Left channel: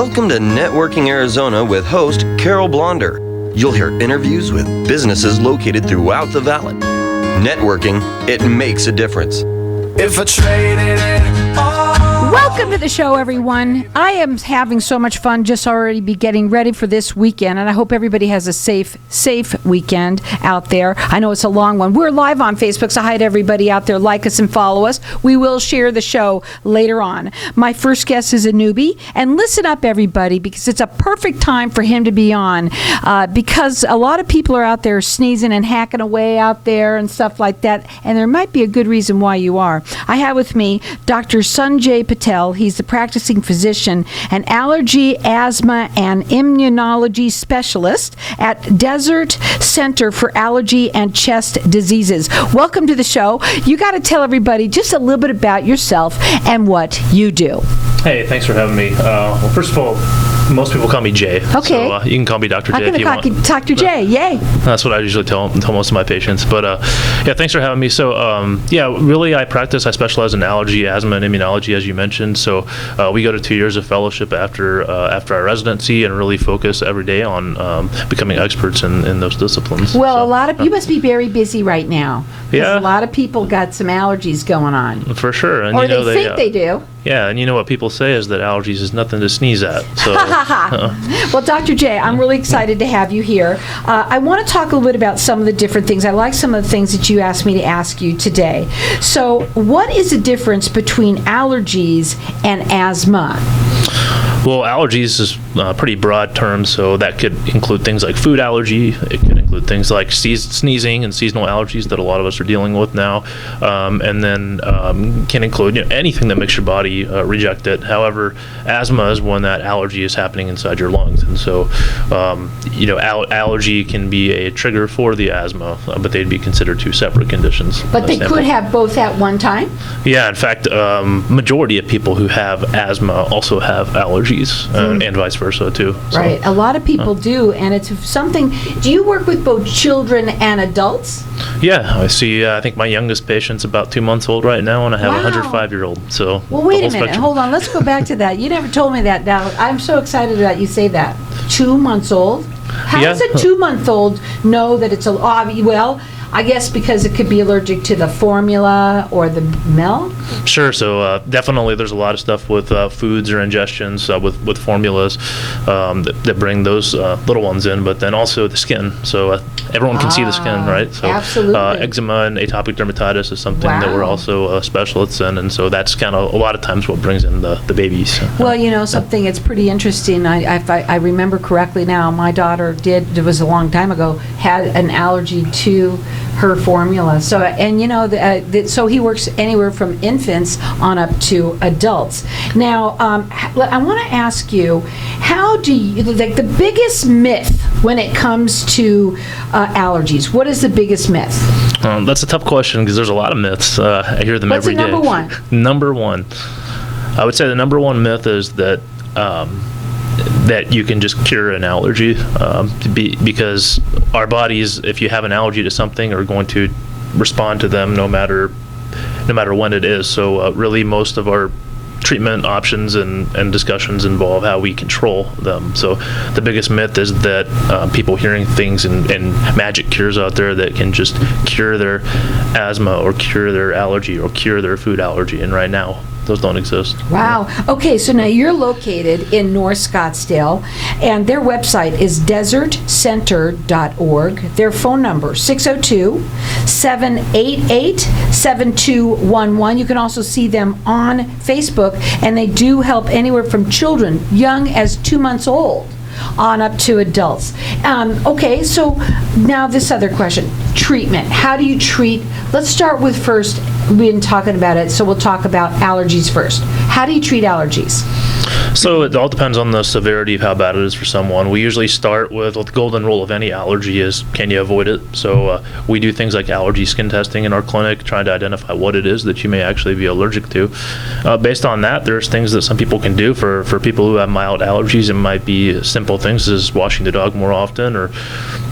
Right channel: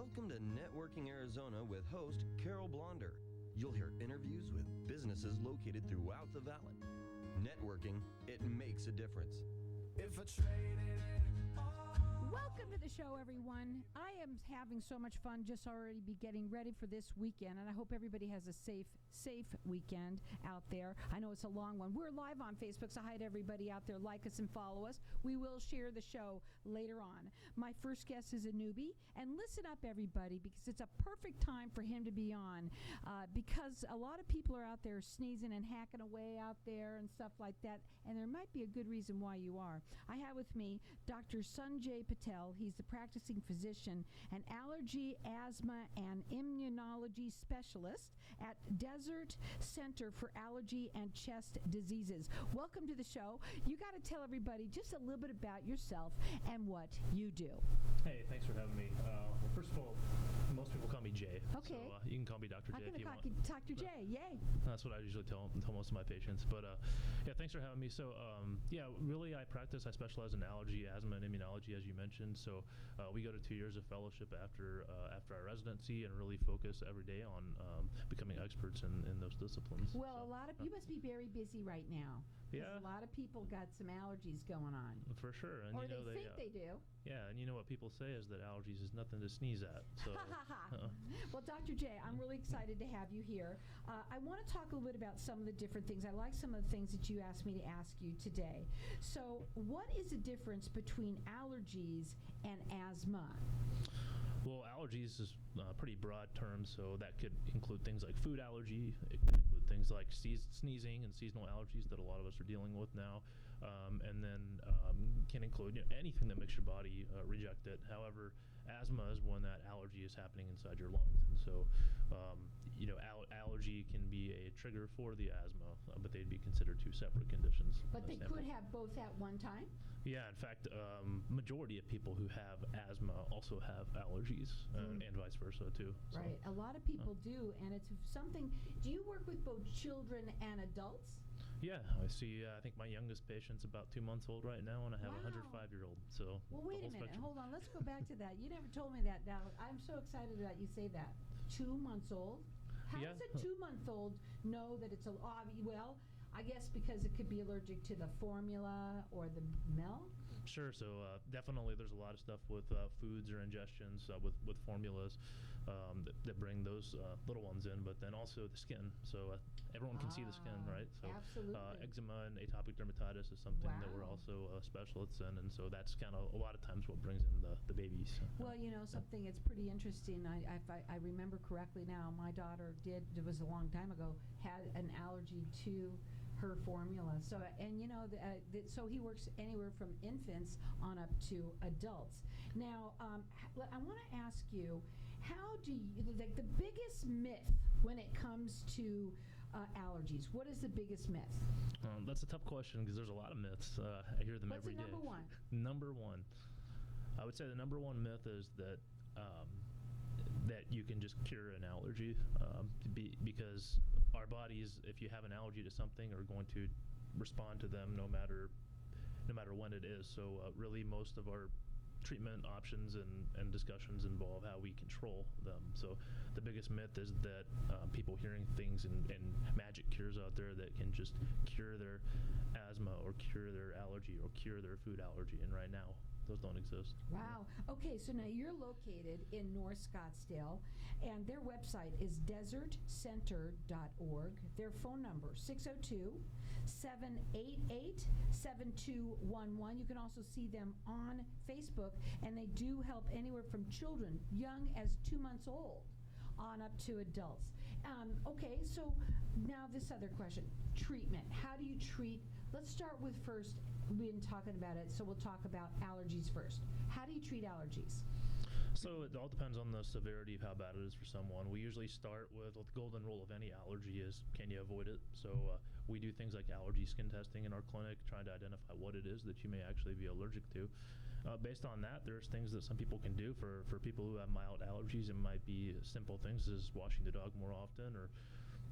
Welcome to Networking Arizona with host Carol Blonder. You'll hear interviews with businesses located throughout the valley. Networking, it makes a difference. If I traded it all. Welcome to the show, everyone. I am having so much fun just already be getting ready for this weekend, and I hope everybody has a safe weekend out there. I know it's a long one. We're live on Facebook, so hi to everybody out there. Like us and follow us. We will share the show later on. My first guest is a newbie, and listen up, everybody, because it's a perfect time for him to be on, because a lot of people are out there sneezing and hacking away out there and stuff like that, and there might be a good reason why you are. I have with me Dr. Sanja Patel. He's the practicing physician, an allergy, asthma, and immunology specialist at Desert Center for Allergy and Chest Diseases. Welcome to the show. You got to tell everybody just a little bit about yourself and what you do. Hey, thanks for having me. Well, first of all, most people call me Jay. Okay. So you can call me Dr. J if you want. Dr. J, yay. That's what I usually tell most of my patients. But yeah, thanks for having me. So yeah, really I specialize in allergy, asthma, and immunology, as you mentioned. So we go to 2 years of fellowship after our residency and really focus every day on becoming experts in those disciplines. Well, you must be very busy right now. Yeah. A lot of people got some allergies going on. For sure. And or they think they do. Yeah, and you know what people say is that allergies is nothing to sneeze at. So, Well, Dr. J, I'm really excited to have you here. I want to talk a little bit about some of the different things. I like some of the things that you asked me to ask you today. So what is the difference between allergies and asthma? Well, allergies is a pretty broad term, so that could include things like food allergy. It could include things like sneezing and seasonal allergies that a lot of us are dealing with now, and then can include anything that makes your body reject it. However, asthma is when that allergy is happening inside your lungs, and so allergy can be a trigger for the asthma, but they'd be considered two separate conditions. But they could have both at one time? Yeah, in fact, majority of people who have asthma also have allergies. And vice versa too. So, right, a lot of people do, and it's something. Do you work with both children and adults? Yeah, I see. I think my youngest patient's about 2 months old right now, and I have a 105-year-old. So well, wait a minute. Spectrum. Hold on. Let's go back to that. You never told me that. Now I'm so excited that you say that. 2 months old. How does a 2-month-old know that it's well? I guess because it could be allergic to the formula or the milk? Sure. So definitely there's a lot of stuff with foods or ingestions with formulas that bring those little ones in, but then also the skin. So everyone can see the skin, right? So absolutely. Eczema and atopic dermatitis is something that we're also specialists in, and so that's kind of a lot of times what brings in the babies. Well, something that's pretty interesting. If I remember correctly now, my daughter it was a long time ago, had an allergy to her formula. So, and so he works anywhere from infants on up to adults. Now, I want to ask you, how do you, the biggest myth when it comes to allergies, what is the biggest myth? That's a tough question because there's a lot of myths. I hear them every day. What's the number one? Number one. I would say the number one myth is that that you can just cure an allergy because our bodies, if you have an allergy to something, are going to respond to them no matter when it is. So really most of our treatment options and discussions involve how we control them. So the biggest myth is that people hearing things and magic cures out there that can just cure their asthma or cure their allergy or cure their food allergy, and right now those don't exist. Wow. Okay, so now you're located in North Scottsdale, and their website is desertcenter.org. Their phone number, 602-788-7211. You can also see them on Facebook, and they do help anywhere from children, young as 2 months old, on up to adults. Okay, so now this other question, treatment. How do you treat, let's start with first, we've been talking about it, so we'll talk about allergies first. How do you treat allergies? So it all depends on the severity of how bad it is for someone. We usually start with the golden rule of any allergy is, can you avoid it? So we do things like allergy skin testing in our clinic, trying to identify what it is that you may actually be allergic to. Based on that, there's things that some people can do for people who have mild allergies. It might be simple things as washing the dog more often or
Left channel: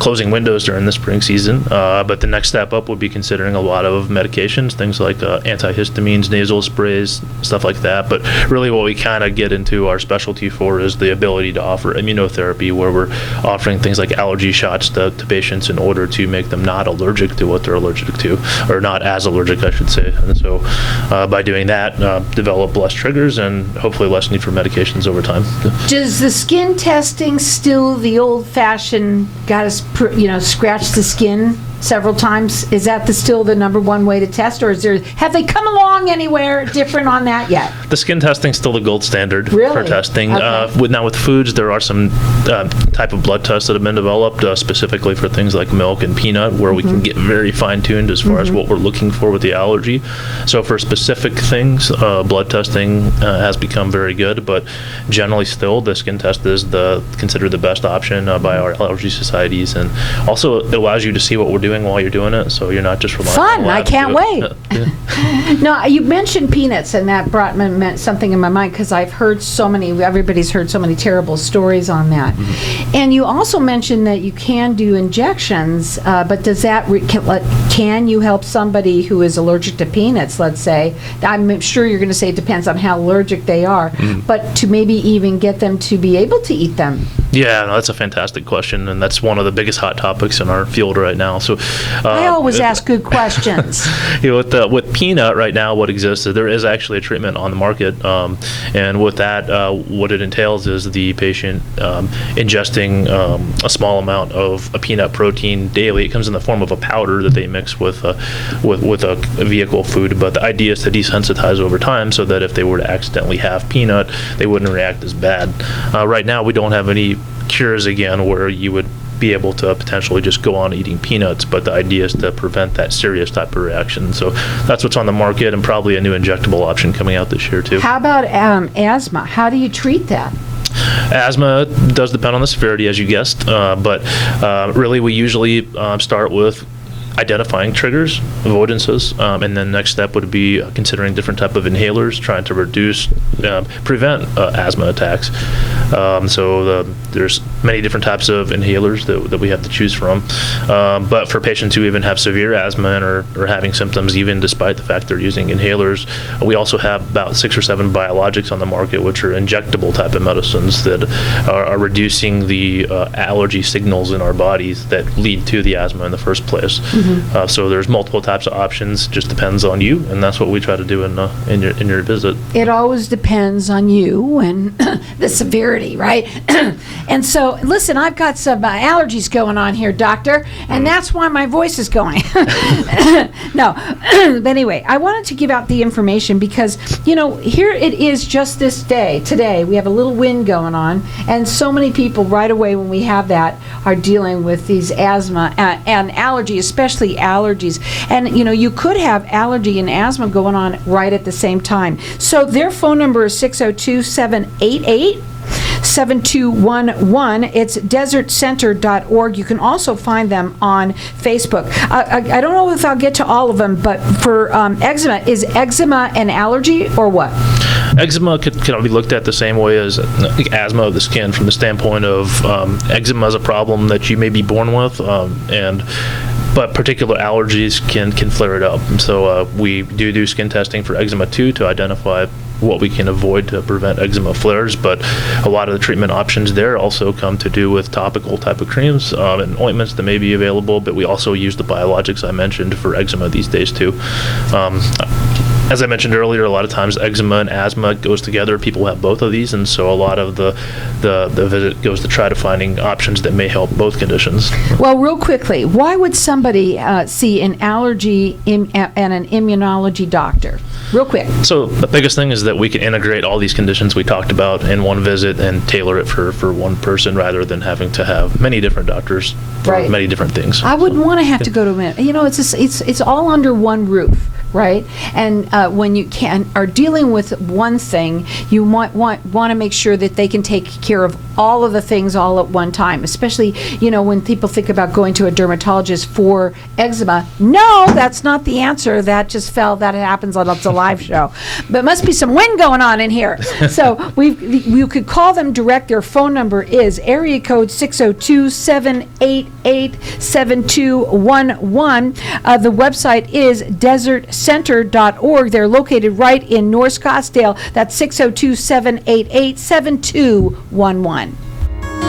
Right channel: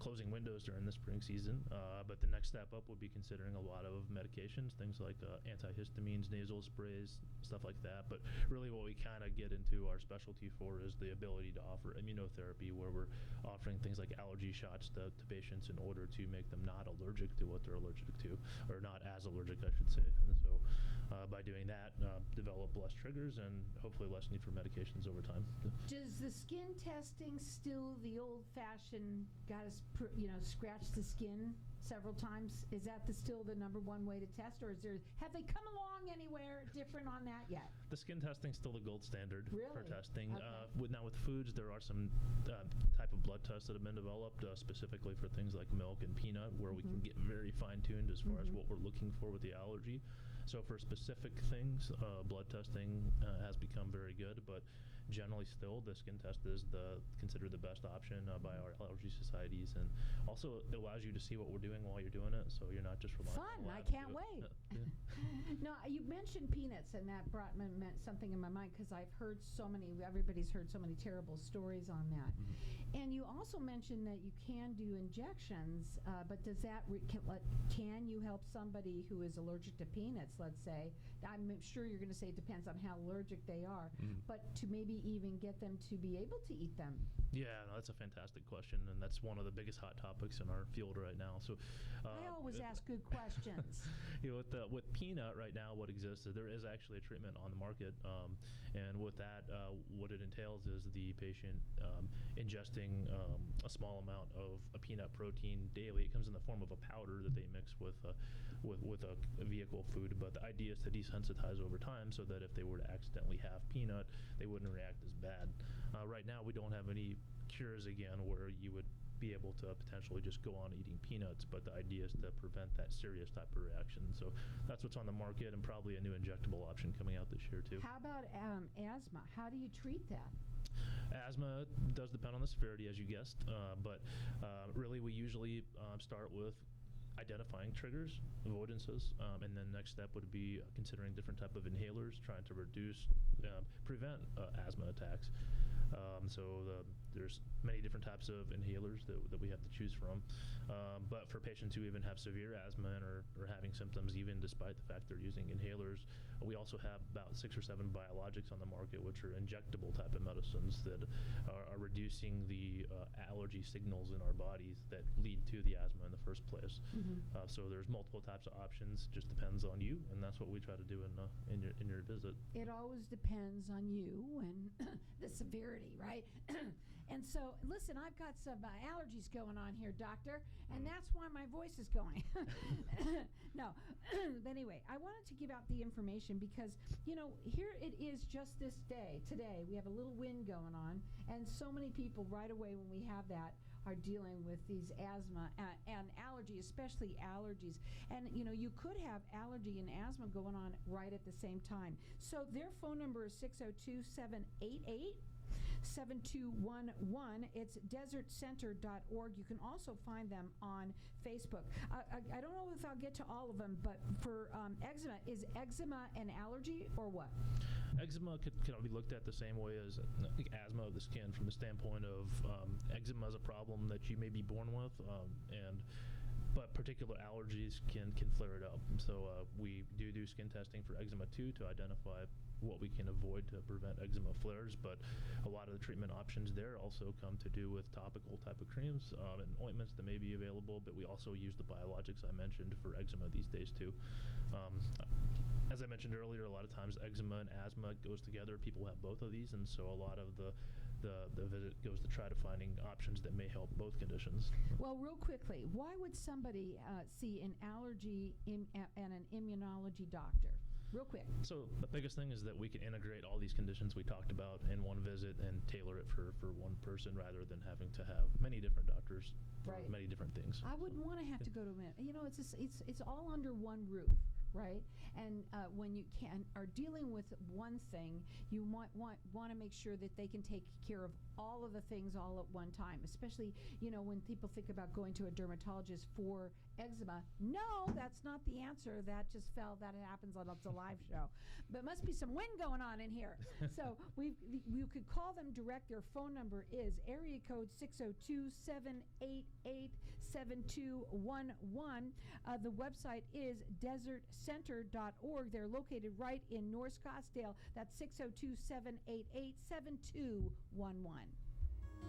closing windows during the spring season. But the next step up would be considering a lot of medications, things like antihistamines, nasal sprays, stuff like that. But really what we kind of get into our specialty for is the ability to offer immunotherapy, where we're offering things like allergy shots to patients in order to make them not allergic to what they're allergic to, or not as allergic, I should say. And so by doing that, develop less triggers and hopefully less need for medications over time. Does the skin testing still the old-fashioned, scratch the skin several times? Is that still the number one way to test, or have they come along anywhere different on that yet? The skin testing is still the gold standard for testing. Okay. Now with foods, there are some type of blood tests that have been developed specifically for things like milk and peanut, where we can get very fine-tuned as far as what we're looking for with the allergy. So for specific things, blood testing has become very good, but generally still the skin test is considered the best option by our allergy societies, and also it allows you to see what we're doing while you're doing it, so you're not just relying on the lab. I can't wait. Yeah. No, you mentioned peanuts, and that meant something in my mind, because everybody's heard so many terrible stories on that. And you also mentioned that you can do injections, but does that, can you help somebody who is allergic to peanuts, let's say? I'm sure you're going to say it depends on how allergic they are, but to maybe even get them to be able to eat them. Yeah, no, that's a fantastic question, and that's one of the biggest hot topics in our field right now. So, I always ask good questions. With peanut right now, what exists is there is actually a treatment on the market, and with that, what it entails is the patient ingesting a small amount of a peanut protein daily. It comes in the form of a powder that they mix with a vehicle food, but the idea is to desensitize over time so that if they were to accidentally have peanut, they wouldn't react as bad. Right now, we don't have any cures again where you would be able to potentially just go on eating peanuts, but the idea is to prevent that serious type of reaction. So that's what's on the market, and probably a new injectable option coming out this year too. How about asthma? How do you treat that? Asthma does depend on the severity, as you guessed, but really we usually start with identifying triggers, avoidances, and then next step would be considering different type of inhalers, trying to prevent asthma attacks. So there's many different types of inhalers that we have to choose from. But for patients who even have severe asthma and are having symptoms even despite the fact they're using inhalers, we also have about 6 or 7 biologics on the market, which are injectable type of medicines that are reducing the allergy signals in our bodies that lead to the asthma in the first place. So there's multiple types of options, just depends on you, and that's what we try to do in your visit. It always depends on you and the severity, right? And so, listen, I've got some allergies going on here, doctor, and that's why my voice is going. No, but anyway, I wanted to give out the information because, here it is just this day. Today, we have a little wind going on, and so many people right away when we have that are dealing with these asthma and allergy, especially allergies. And, you could have allergy and asthma going on right at the same time. So their phone number is 602-788-7211. It's desertcenter.org. You can also find them on Facebook. I don't know if I'll get to all of them, but for eczema, is eczema an allergy or what? Eczema can be looked at the same way as asthma of the skin, from the standpoint of eczema is a problem that you may be born with, but particular allergies can flare it up. So we do skin testing for eczema too, to identify what we can avoid to prevent eczema flares, but a lot of the treatment options there also come to do with topical type of creams and ointments that may be available, but we also use the biologics I mentioned for eczema these days too. As I mentioned earlier, a lot of times eczema and asthma goes together. People have both of these, and so a lot of the visit goes to try to finding options that may help both conditions. Well, real quickly, why would somebody see an allergy and an immunology doctor? Real quick. So the biggest thing is that we can integrate all these conditions we talked about in one visit and tailor it for one person, rather than having to have many different doctors for many different things. I wouldn't want to have to go to it's all under one roof. right? And when you are dealing with one thing, you want to make sure that they can take care of all of the things all at one time, especially, when people think about going to a dermatologist for eczema. No, that's not the answer. That happens on the live show. But must be some wind going on in here. So you could call them direct. Their phone number is area code 602-788-7211. The website is desertcenter.org. They're located right in North Scottsdale. That's 602-788-7211.